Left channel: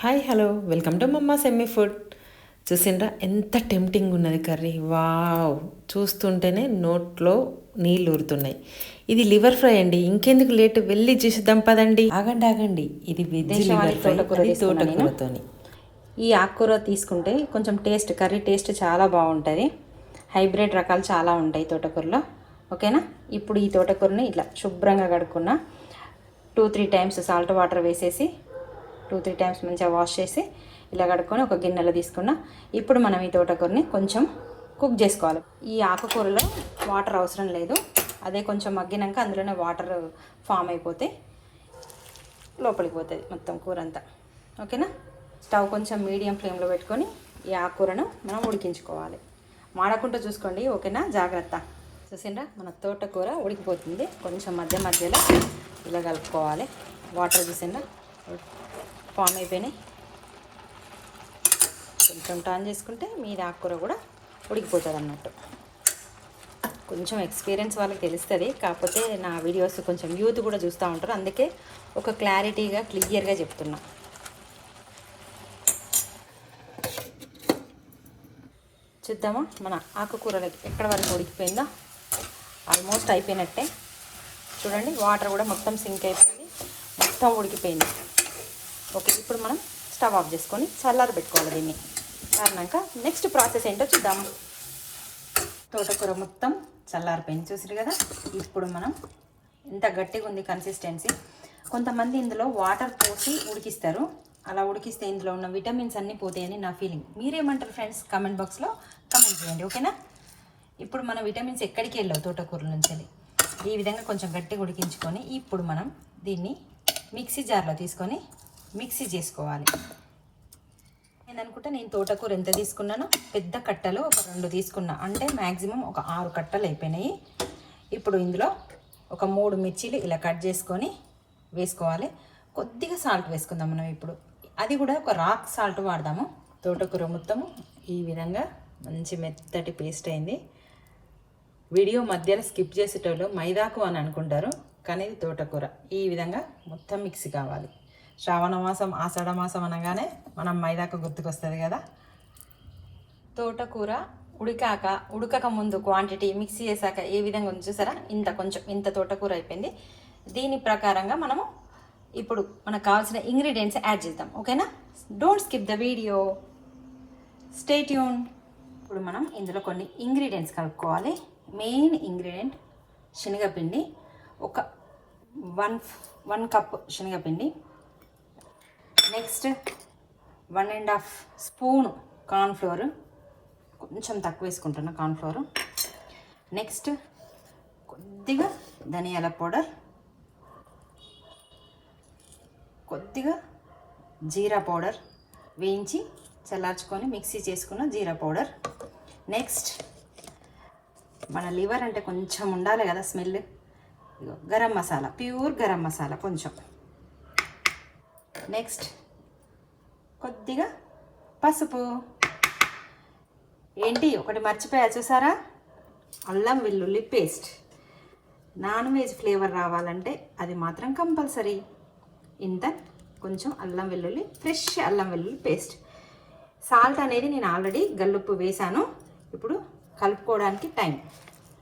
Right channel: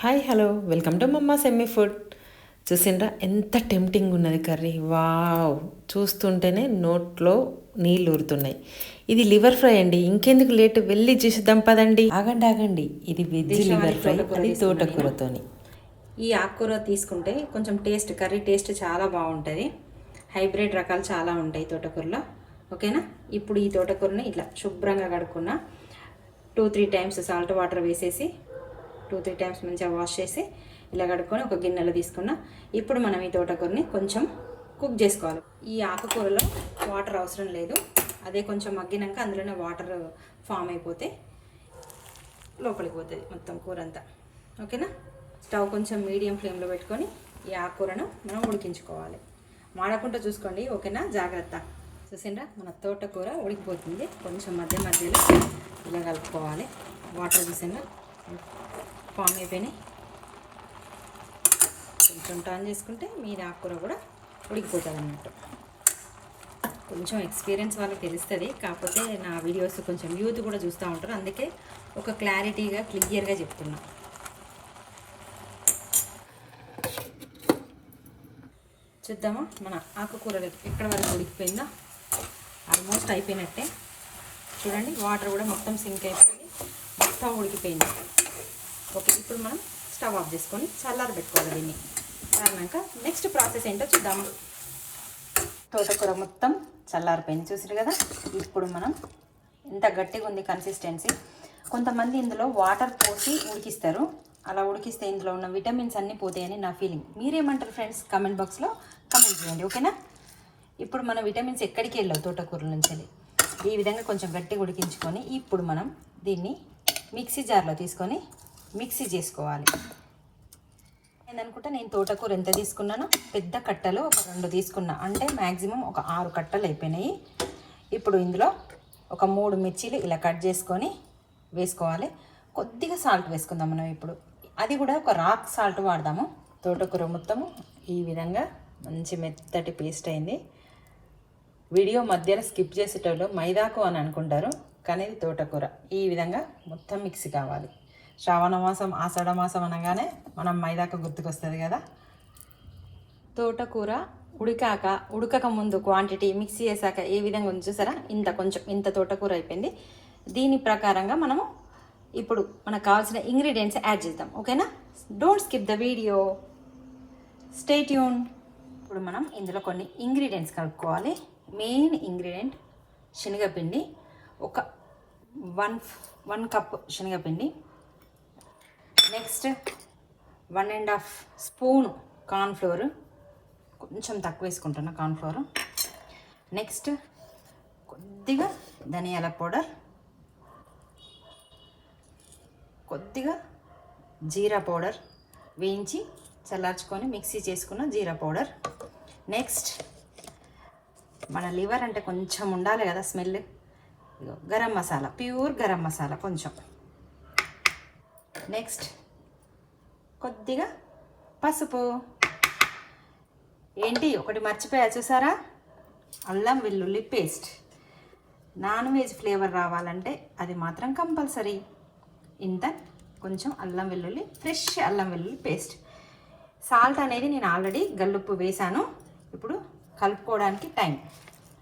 Hi hello welcome to మమ్మా semi food. చూసిండ్రా ఎంత టెంప్టింగ్ ఉన్నది కర్రీ. వావ్, చూస్తుంటేనే నోట్లో నీళ్ళు ఊరుతున్నాయి. ఇది లివర్ ఫ్రై అండి. ఇంకెందుకు లేట్, వెళ్ళి చేసేద్దాం పదండి. ఆగండి, ఇది వెజ్ లివర్ ఫ్రై, అది తోటకూరతోని. ఈ ఆకుకూర తీసుకుంటే కొంచెం టేస్ట్, కర్రీ టేస్ట్ చాలా బాగుంటుంది. హైబ్రిడ్ రకాలు చాలా ఉంటాయి తోటకూరలో. ఓకేనా. ఇప్పుడు ఈ తోటకూరని ఇట్లా శుభ్రంగా కడుక్కున్న 2-3 టైమ్స్ సాల్ట్ వాటర్ వేసేసి 2-3 టైమ్స్ మంచిగా వాష్ చేసి ఇలా కడుక్కొని ఒక గిన్నెలో తీసుకున్నా. ఇప్పుడు మనం ఈ తోటకూరని కొంచెం కుక్ చేసుకోవాలి. ఈ ఆకుకూరలో వాటర్ అవసరం లేదు. అదే కొంచెం మగ్గినాక అందులోనే వాటర్ ఫామ్ అయిపోతే లోపలికి పోతుంది మొత్తం కూర అంతా. ఓకేనా. స్టవ్ కొంచెం మీడియం ఫ్లేమ్లో పెట్టుకొని ఈ ఆకుకూరను మనం ఉడికించుకోవాలి. మాడకుండా చూసుకోండి. ఓకేనా, జాగ్రత్త. చూసిండ్రా, మన తోటకూర ఉడికిపోతుంది. కొంచెం మధ్యలో ఇలా కలుపుకోవాలి. వాటర్ చూసిండ్రా ఫామ్ అయిపోయినాయి. కొంచెం టర్న్ చేసుకుంటే మీద ఆకుకూర కూడా ఉడికిపోతుంది అన్నట్టు. కొంచెం ఎక్స్పీరియన్స్ వాళ్ళకి తెలుస్తుంది. కాకపోతే నా వీడియోస్ కొంచెం యూత్ కూడా చూస్తూ ఉంటారు, అందుకే ఒక క్లారిటీగా క్లియర్గా చెప్తున్నా. చూద్దామా మన ఆకుకూరలకి ఎక్కడ వరకు ఉడికిపోయిందా. ఆల్మోస్ట్ అయిపోయినట్టే. చూడండి, వాటర్ కూడా మొత్తం సింక్ అయిపోయింది, మొత్తం ఉడికిపోయింది. ఓకే, ఇప్పుడు మనం స్టవ్ ఆఫ్ చేసుకొని చల్లారి పెట్టుకోవాలి. దీన్ని చల్లారినాక నెక్స్ట్ ప్రాసెస్ ఏంటో చూద్దాము. తోటకూర మొత్తం చల్లారిపోయింది, చూసారు కదా. ఇప్పుడు మనం ఇంత గట్టిగా ఉంది కన్సిస్టెన్సీ. కొంతమంది ఇందులో వాటర్ పోసి ఉడికిస్తారు. అలా ఉడికిస్తే ఇందులో ఉన్న విటమిన్స్ అన్నీ పోతాయని నా ఫీలింగ్. మీరేమంటారు ఫ్రెండ్స్? కామెంట్ బాక్స్లో కామెంట్ చేయండి. ఓకేనా. ఇప్పుడు మన విటమిన్స్ ఎక్కడికి వెళ్ళావు తోటకూర నుంచి. ఈ విధంగా కొంచెం గట్టిగా ఉడికించుకొని ఇప్పుడు మనం దీన్ని మిక్సీ జార్లో తీసుకొని మిక్సీ చేసుకోవాలి. నేను తోటకూర ఎంత తీసుకున్నానో పెద్ద కట్టలు ఒక 2 తీసుకున్నా, అంటే మ్యాక్సిమం ఒక 6 కట్టలు అయిపోయినాయి. ఇప్పుడు ఇందులో ఒక 3 మిర్చీలు ఇలా కట్ చేసుకొని వేసుకోవాలి. కొద్దిగా సాల్ట్ వేసుకుందాం మనం ఇప్పుడు. అది కూడా ఒక రాక్ సాల్ట్ వాడదాము. తోటకూర మొత్తము ఈ విధంగా మంచి మెత్తటి పేస్ట్ అయింది. వీడియో మధ్యలో స్కిప్ చేసేటోళ్ళు మైదాకు అని అనుకుంటారు, కానీ ఇది తోటకూర. ఈ విధంగా మొత్తం మిక్సీ కావాలి. శ్రావణ మాసం, ఆషాఢ మాసం అనగానే మనం మైదాకు గుర్తుకొస్తుంది కదా. తోటకూర ఉడకక ముందు క్వాంటిటీ మిక్సీ చేశాక ఏ విధంగా ఉంది చూసారా. ఇంత తోటకూర అయిపోయింది. దీని ప్రకారంగా మనము ఇప్పుడు మనకు కావాల్సిన ఇంగ్రీడియంట్స్ యాడ్ చేద్దాం. ఓకేనా. Don't skip the video, stay tune. ఇప్పుడు మనం ఇందులో కొన్ని ఇంగ్రీడియంట్స్ కలుపుకోవాలి. మెయిన్ ఇంగ్రీడియంట్ శనగపిండి. ఒక 1 కప్ శనగపిండి. నెక్స్ట్ 1.5 స్పూన్ కార్న్ఫ్లోర్, కొంచెం తక్కువ వేసుకుంటున్నా కార్న్ఫ్లోర్. నెక్స్ట్ కొద్దిగా ధనియాల పౌడర్, కొద్దిగా జీరా పౌడర్, వేయించి చల్లార్చుకొని మిక్సీ చేసుకున్న జీరా పౌడర్. నెక్స్ట్ మన లివర్ అంటే కొంచెం ఉండాలి కదా స్మెల్. గరం మసాలా, ప్యూర్ గరం మసాలా కొంచెం. నెక్స్ట్ కొద్దిగా పసుపు. ఏంటి ఒకటి మర్చిపోయా చూసారా, అల్లం వెల్లుల్లి పేస్ట్. నాన్ వెజ్ ఫ్లేవర్ రావాలంటే అది మాత్రం కంపల్సరీ. ఇంత కొంచెం అల్లం వెల్లుల్లి, ఫ్రెష్ అల్లం వెల్లుల్లి పేస్ట్. సాల్ట్ అనేది నేను ఆల్రెడీ గల్లుప్పు వేసాను. ఇప్పుడు కలుపుకోవడానికి టైం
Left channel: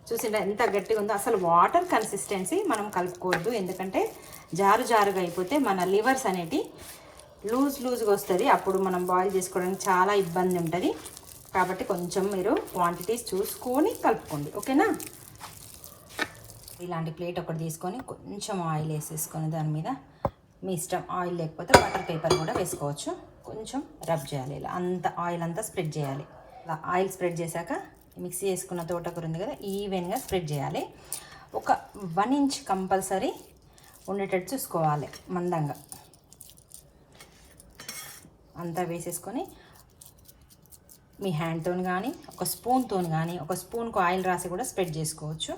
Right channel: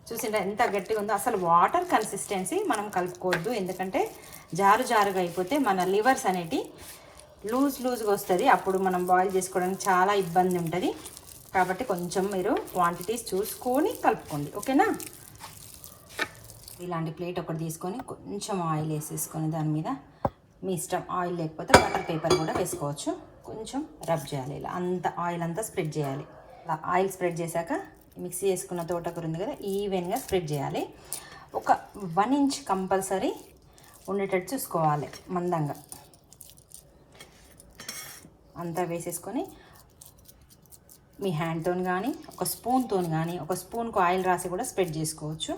చూసిందా ఎంత గట్టిగా ఉందో. అసలు వాటర్ కన్సిస్టెన్సీ మనం కలుపుకోవద్దు, ఎందుకంటే జారుగా అయిపోతే మన లివర్స్ అనేటి లూజ్గా వస్తుంది. అప్పుడు మనం బాయిల్ చేసుకోవడానికి చాలా ఇబ్బంది ఉంటుంది. కాబట్టి కొంచెం మీరు క్వాంటిటీస్ చూసుకొని కలుపుకోండి. ఓకేనా. ఇలాంటి ప్లేట్ ఒకటి తీసుకొని కొంచెం ఆయిల్ వేసేసుకొని దాని మీద మీ ఇష్టం, ఆయిల్ లేకపోతే బటర్ పేపర్ కూడా వేసుకోవచ్చు. కొంచెం రబ్ చేయాలి, ఇలా అంత ఆయిల్ అంతా స్ప్రెడ్ చేయాలి. ఇలా ఆయిల్ స్ప్రెడ్ చేశాక మిక్సీ చేసుకున్న తోటకూర ఉంది కదా, ఈవెన్గా స్ప్రెడ్ చేయాలి. ఒక 1 ఇంచ్ కంపల్సరీ ఉండేటట్టు చూసుకోవాలి, మందంగా అంతా వేసేసుకొని మీ హ్యాండ్తో కానీ ఒక స్పూన్తో కానీ, ఒక స్పూన్కు ఆయిల్ రాసి కూడా స్ప్రెడ్ చేసుకోవచ్చు.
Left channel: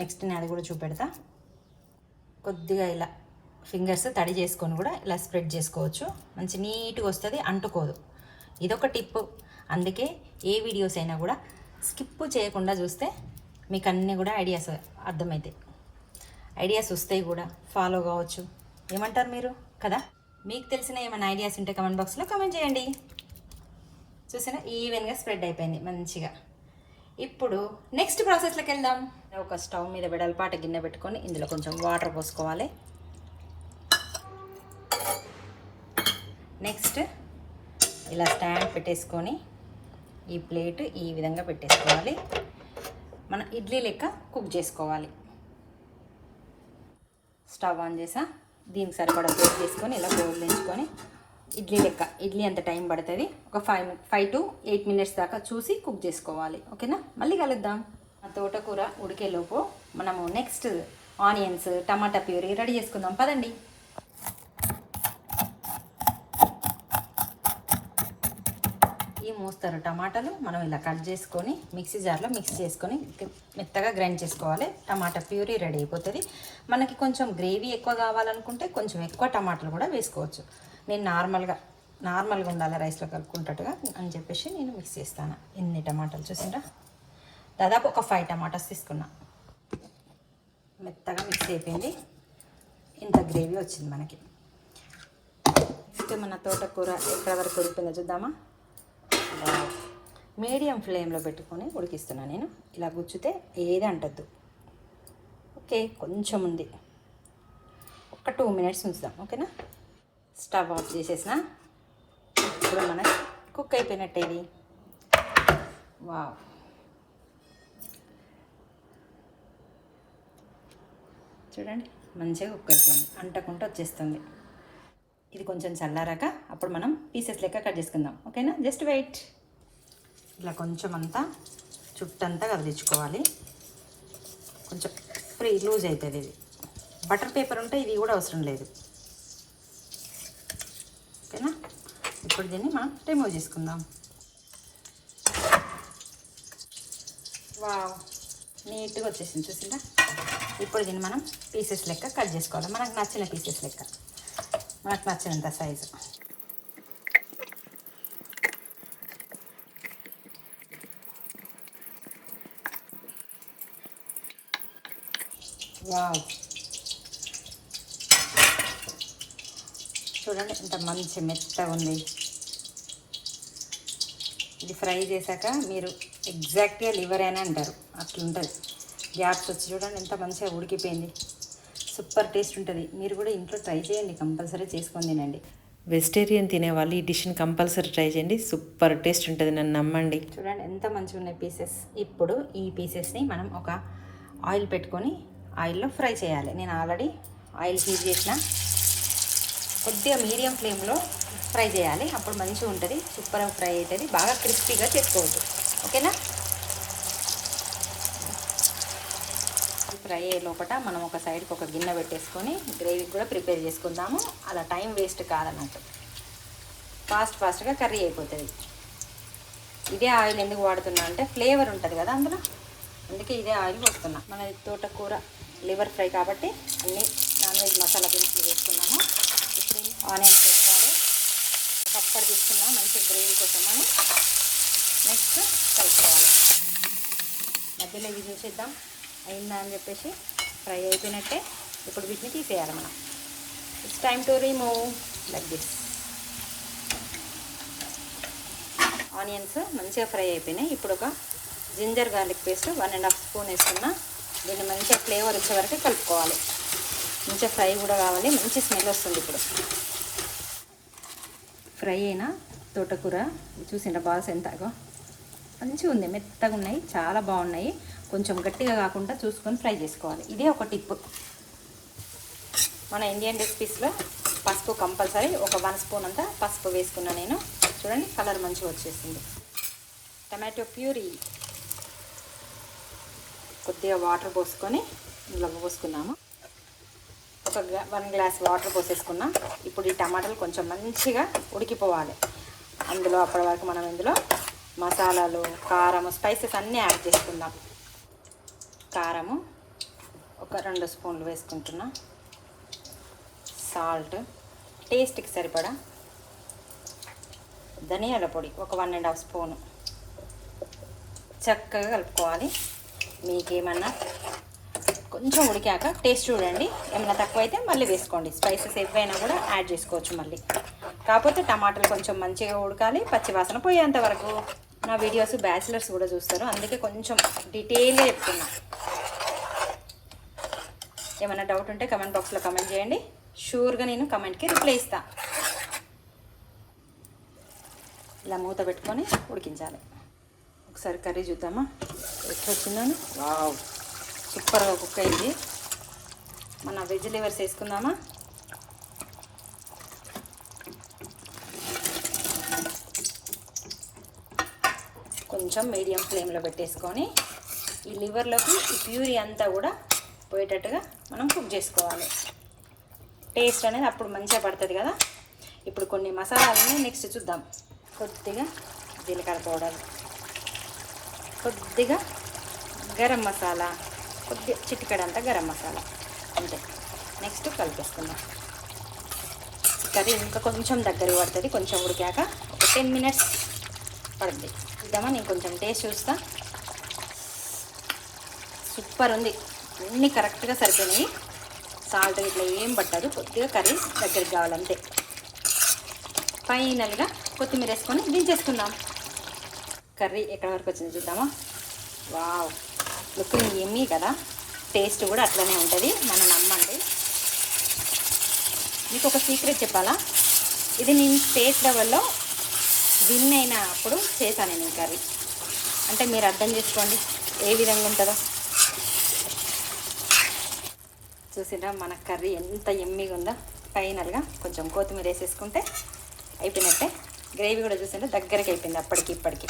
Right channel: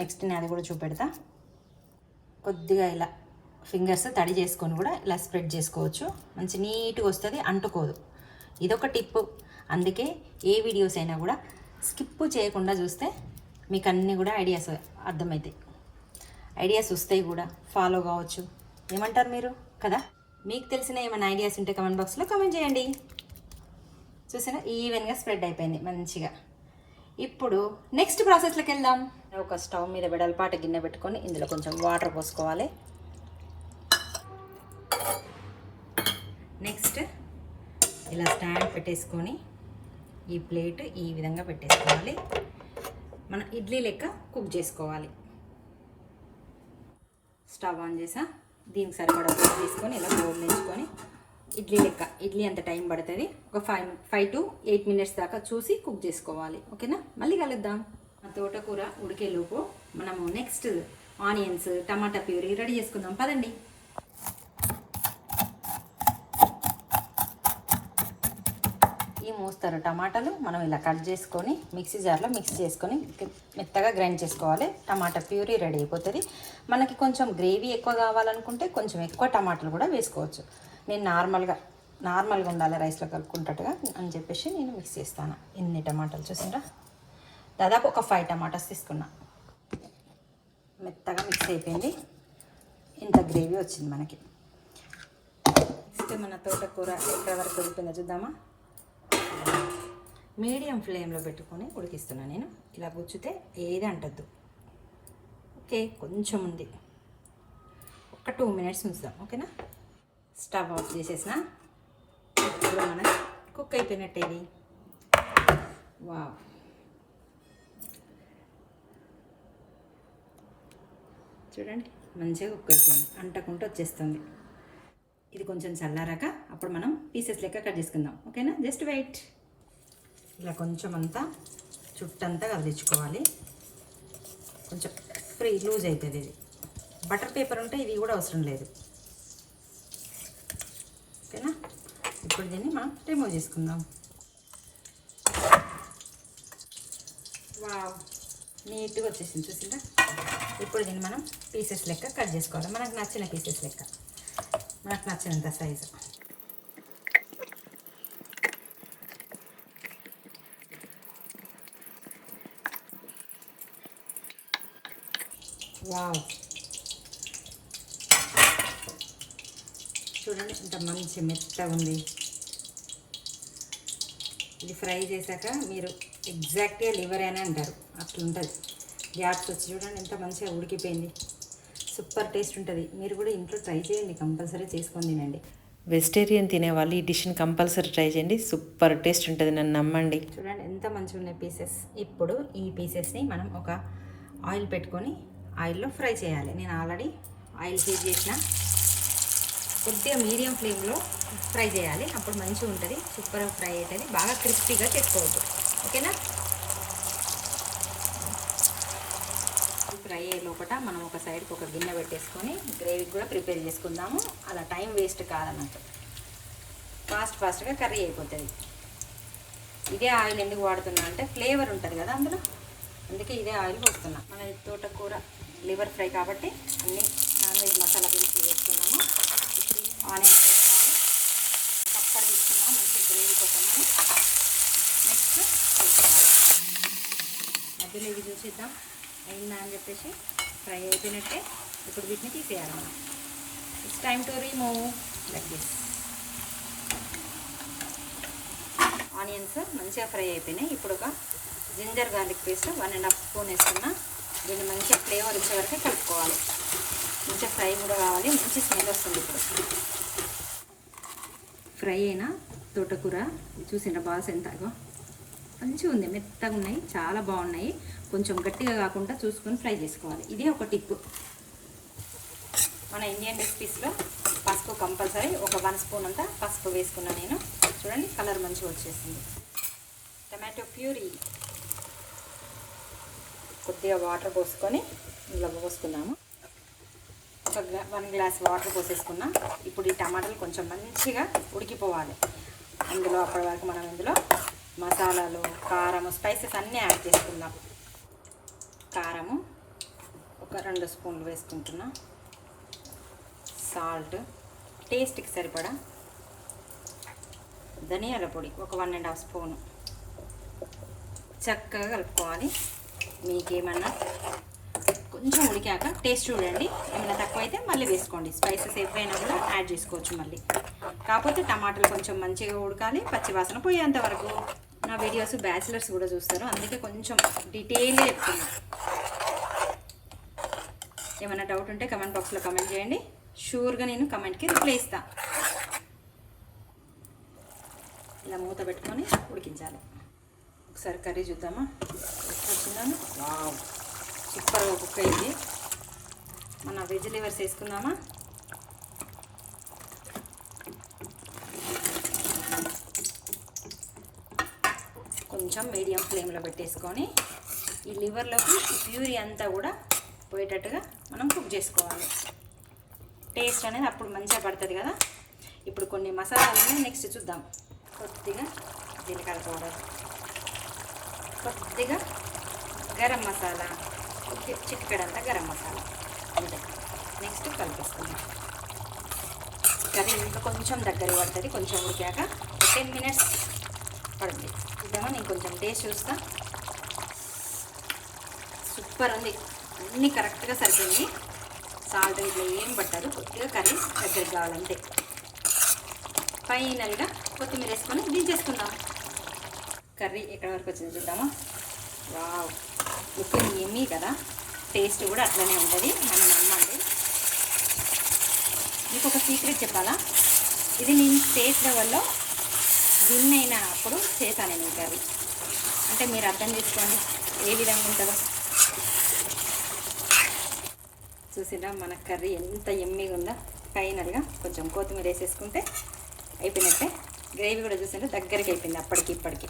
నెక్స్ట్ నేను అది కూడా చూపెడతా. కొద్దిగా ఇలా ఫింగర్స్ తడి చేసుకొని కూడా ఇలా స్ప్రెడ్ చేసుకోవచ్చు. మంచి నీట్గా వస్తుంది, అంటుకోదు. ఇదొక టిప్పు. అందుకే ఏ వీడియోస్ అయినా కూడా స్కిప్ చేయకుండా చూస్తే మీకు అన్నీ కూడా ఐడియాస్ అర్థమవుతాయి. ఐడియాస్ వస్తాయి కూడా, ఫాలో కావచ్చు. ఏమంటారు మీరు కదా. మీకు తెలిసిన ఏమైనా ఐడియాస్ ఉంటే కమెంట్ బాక్స్లో కమెంట్ చేయండి. చూసారా ఈవెన్గా స్ప్రెడ్ అయిపోయింది మంచిగా. ఇప్పుడు నెక్స్ట్ ప్రాసెస్లోకి వెళ్దాం. ఒక స్టవ్ మీద వెడల్పాటి గిన్నె పెట్టుకొని ఇందులో కొంచెం వాటర్ పోసుకోవాలి. నెక్స్ట్ ఇలా స్టాండ్ పెట్టేసుకొని ఈ ప్లేట్ ఈ విధంగా పెట్టేసుకోవాలి. మనం ఇడ్లీ లెక్క కుక్ చేసుకోవాలి. స్టవ్ ఆన్ చేసా, దీనికి సరిపడా ప్లేట్ తీసుకొని ఇలా బోర్లించుకొని ఇడ్లీ లెక్క, ఇడ్లీ అంత టైం పడుతుంది, ఒక 5 to 8 minutes దాకా చూసి కుక్ చేసుకోవాలి. ఓకేనా, మళ్ళీ కలుద్దాం. ఆ తోటకూర ఉడికేలోపు మనము నెక్స్ట్ ఆనియన్స్, టమాటా ప్యూరీ రెడీ చేసుకుందాం. పదండి. ఈ మోస్తారు టమాటాలు మనం ఇలా కట్ చేసుకొని మిక్సీ జార్లో మిక్స్ చేసుకొని మెత్తగా గ్రైండ్ చేసుకోవాలి. టమాటా ప్యూరీ రెడీ అయిపోతుంది. మనకి కొంచెం గ్రేవీ ఎక్కువ కావాలనుకుంటే కొంచెం ఎక్కువ టమాటాలు కూడా వేసుకోవచ్చు. నేను నార్మల్గా ఉండాలి రైస్లో కలుపుకుంటట్టుగా అని చెప్పేసి నేను మిక్స్ చేస్తాను. ఎన్ని టమాటాలు చూసిండ్రా, దాదాపు ఒక 5 టమాటాస్ తీసుకున్నా. మెత్తగా మిక్స్ అయిపోయింది. ఇంత గ్రేవీ వచ్చింది మనకి. నెక్స్ట్ మన తోటకూర ఎక్కడ వరకు ఉడిపోయిందో చూద్దామా. మీడియం ఫ్లేమ్లో పెట్టుకొని ఉడికిస్తున్నాను నేను. ఇలా గుచ్చితే ఏది అంటద్దు. ఓకే, కొంచెం ఉంది, ఒక 2 minutes ఉంచుదాం. ఓకేనా, స్టవ్ ఆఫ్ చేసేసిన. ఇప్పుడు మనకి కుక్ అయిపోయినట్టేది. వావ్, చూడండి మంచిగా కుక్ అయిపోయింది, అంటకుంటూ వచ్చేస్తుంది. ఇది కొంచెం చల్లారాక అప్పుడు మనం పీసెస్ లెక్క కట్ చేసుకుందాం. ఓకేనా, జస్ట్ వెయిట్. ఇలా కొంచెం అంతా చుట్టంతా కదిలించుకోవాలి. కొంచెం ఫ్రీ లూజ్ అవుతుంది. ఇది బటర్ పేపర్ ఉంటే ఇది కూడా అవసరం లేదు. ఓకేనా, ఇప్పుడు దీన్ని మనం రిమూవ్ చేసుకుందాం. వావ్, నీట్గా వచ్చేసింది చూసిందా. ఇప్పుడు దీన్ని మనం పీసెస్ లెక్క కట్ చేసుకోవాలి. మనకు నచ్చిన పీసెస్ లెక్క, మనకు నచ్చినంత సైజు. వావ్, చూడండి ఎంత మంచి మెత్తగా ఉంది. ఇది ఫ్రై చేశాక మీరు ఎగ్జాక్ట్గా లివర్ అని అంటారు, అట్లుంటుంది. గ్యాప్స్ వచ్చి చూడండి ఎంత మంచిగా ఉడికిపోయింది. సూపర్ టేస్ట్ ఉంటుంది. మీరు కూడా ఇంట్లో ట్రై చేయండి, కంపల్సరీ చేసుకొని తినండి. వెజిటేరియన్ తినేవాళ్ళు ఈ డిష్ని కంపల్సరీ ట్రై చేయండి, సూపర్ టేస్ట్ ఉంటుంది, నన్ను నమ్మండి. చూడండి ఎంత మంచిగా ఉన్నాయి పీసెస్. ఇప్పుడు ఈ పీసెస్ని మనం ఒక ఆయిల్ పెట్టుకొని ఆయిల్లో ఫ్రై చేయాలి. నేను ఆల్రెడీ ఆయిల్ హీట్ చేసిన. కొద్దిగా మీడియం ఫ్లేమ్లో ఫ్రై చేయాలి, అప్పుడు మంచిగా ఉంటుంది, సూపర్గా ఫ్రై అవుతుంది. బాగా క్రిస్పీగా చేసుకోవద్దు. ఓకేనా, ఫ్రై అయ్యే లోపల మనం ఒక సైడ్కి ఒక గిన్నె పెట్టేసుకొని గ్రేవీ కూడా ప్రిపేర్ చేసుకుందాము. అలా టైం వేస్ట్ కాదన్నట్టు, ఫాస్ట్గా కర్రీ అయిపోతుంది. ఇదే ఆయిల్ ఎందుకు వాడుతున్నా అంటే ఫ్లేవర్ ఉంటుంది కదా అందులో, అందుకే ఇదే ఆయిల్ పోస్తున్నా. మన తోటకూర లివర్ ఫ్రై కాబట్టి అన్ని నాన్ వెజ్ మసాలా దినుసులు వేసుకున్నాము. ఇప్పుడు ఆనియన్స్ వేసుకోవాలి. కప్పర్ తీసుకున్నాము మంచి గ్రేవీ కోసమని. నెక్స్ట్ కలుపుకోవాలి. మధ్యలో ఇది చూసేద్దాం అయిందా అని చెప్పేసి. ఫ్రై అయిపోయినట్టే. ఇప్పుడు వీటిని తీసేయాలి మనం. It's time to remove like this. Onions మంచిగా ఫ్రై అయిపోయినాయి. ఇప్పుడు ఒక జింజర్ గార్లిక్ పేస్ట్ 1.5 స్పూన్ వేసుకున్నా. దీన్ని మంచిగా ఫ్లేవర్ వచ్చే వరకు కలుపుకోవాలి. మంచిగా ఫ్రై కూడా కావాలి, మంచి స్మెల్ వస్తుంది. ఇప్పుడు ఫ్రై అయిన తోటకూర చూసిండ్రా బాల్స్ ఎంతగా మంచిగా ఉంది, మెత్తగా ఉన్నాయి, చాలా బాగున్నాయి. కొంచెం గట్టిగా కాకుండా చూసుకొని ఫ్రై చేసుకోవాలి. ఇదే ఒక టిప్. మన ఇండియన్ రెసిపీస్లో పసుపు కంపల్సరీ. ఒక 1 స్పూన్ అంతా పసుపు వేసుకున్నా నేను. చూడండి కలర్ మంచిగా వచ్చేసింది. టమాటో ప్యూరీ కొద్దిగా వాటర్ పోసుకొని ఇందులో పోసుకున్నాము. ఒక 1 గ్లాస్ వాటర్ పోసేసుకున్నాం. ఇప్పుడు ఈ టమాటాలు కొంచెం మంచిగా ఉడికిపోవాలి. అందులో అప్పటి వరకు మనం ఇందులో మసాలాలు, కారం, స్పైసెస్ అన్నీ యాడ్ చేసుకుందాం. కారము ఒక 2 స్పూన్లు వేసుకుంటున్నా. సాల్ట్ టేస్ట్కి సరిపడా. ధనియాల పొడి ఒక 1.5 స్పూను. చక్కగా కలుపుకోవాలి. మీకేమన్నా కొంచెం ఉడికాక టేస్ట్ చూడండి, ఏమైనా తక్కువ అయితే మళ్ళీ వేసుకోండి. స్పైసెస్ ఏవైనా కూడా యాడ్ చేసుకోవచ్చు మళ్ళీ. కాకపోతే టమాటాలు కొంచెం మంచిగా ఉడకాలి, పచ్చివాసన పోయేంత వరకు. నా వీడియోస్ బ్యాచిలర్స్ కూడా చూస్తారు, అందుకే కొంచెం డీటెయిల్గా చెప్తున్నా. ఏమైనా డౌట్ ఉంటే కమెంట్ బాక్స్లో కమెంట్ చేయండి, షూర్గా నేను కమెంట్కి రిప్లై ఇస్తాను. ఇలా మూత పెట్టుకొని ఉడికించాలి. ఒకసారి కర్రీ చూద్దామా ఎట్లా వచ్చిందని. సూపర్గా కుక్ అయింది. మన వెజ్ లివర్స్ వేసుకుందామా. కొంచెం మీడియం ఫ్లేమ్లో పెట్టేసుకొని ఈ లివర్లోకి ఈ ప్యూరీ అంతా కూడా పోయేటట్టుగా మనం కుక్ చేసుకోవాలి. టేస్ట్ అనేది అప్పుడు మంచిగా పడుతుంది కదా. ఇప్పుడు కొన్ని మసాలాలని నెక్స్ట్ చూద్దాం. కొద్దిగా జీలకర్ర పౌడర్, కొద్దిగా గరం మసాలా, కొద్దిగా చిటికెడంతా గరం మసాలా అంతే. నెక్స్ట్ కలిపేసుకుందాం. కర్రీ ఇంకా కొంచెం దగ్గర పడుతుంది, కొంచెం ఉడికాక 10 మినిట్స్ పడుతుంది. ఇద్దామా, నేను కొంచెం టేస్ట్ చూస్తా. సూపర్ ఉంది, అన్నీ కరెక్ట్గా సరిపోయినాయి. సాల్ట్ ఇట్లా ఏం పట్టదు, కొద్దిగా కర్రీ దగ్గరికి కావాలంతే. ఫైనల్గా కొత్తిమీర వేసుకొని దించేసుకుందాం. కర్రీ ఎక్కడి వరకు వచ్చింది చూద్దామా. వావ్, లుకింగ్ ఎమ్మీ కదా. టేస్ట్ కూడా అట్లనే ఉంటుంది, నన్ను నమ్మండి. మీకు ఒక సీక్రెట్ చెప్పాలా, ఇది నేను స్టేట్ లెవెల్లో విన్ అయినప్పుడు చేశాను నేను కర్రీ. అంటే మీరు అర్థం చేసుకోండి ఏ విధంగా ఉంటుందో. చూసినా మన కర్రీ ఎంత ఎమ్మీగా ఉందో. ఫైనల్గా కొంచెం కొత్తిమీర వేసేసుకుంటే అయిపోయినట్టే. గ్రేవీ కూడా చూసింటే దగ్గరికి అయిపోయింది అప్పటికి ఇప్పటికి.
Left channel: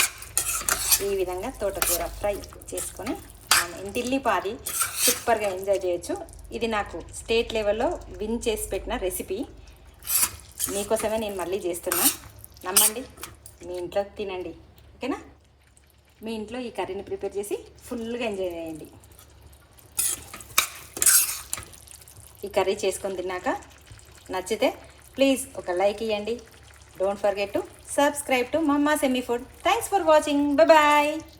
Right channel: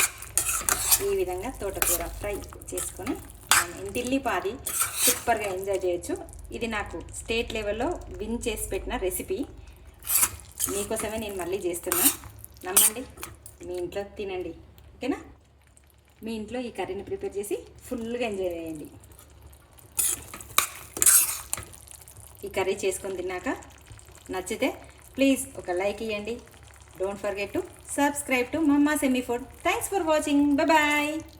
ఈ విధంగా తోటకూర ఫ్రై చేసుకొని మనం ఇంటిల్లిపాది సూపర్గా ఎంజాయ్ చేయొచ్చు. ఇది నాకు స్టేట్ లెవెల్లో విన్ చేసి పెట్టిన రెసిపీ. మీకోసమే నేను మళ్ళీ చేస్తున్నా, నమ్మండి. మీ ఇంట్లో తినండి, ఓకేనా. మీ ఇంట్లో ఈ కర్రీని ప్రిపేర్ చేసి ఫుల్గా ఎంజాయ్ చేయండి. ఈ కర్రీ చేసుకొని తిన్నాక నచ్చితే ప్లీజ్ ఒక లైక్ ఇవ్వండి. Don't forget to subscribe to Mama's Yummy Food. Thanks for watching. Bye bye.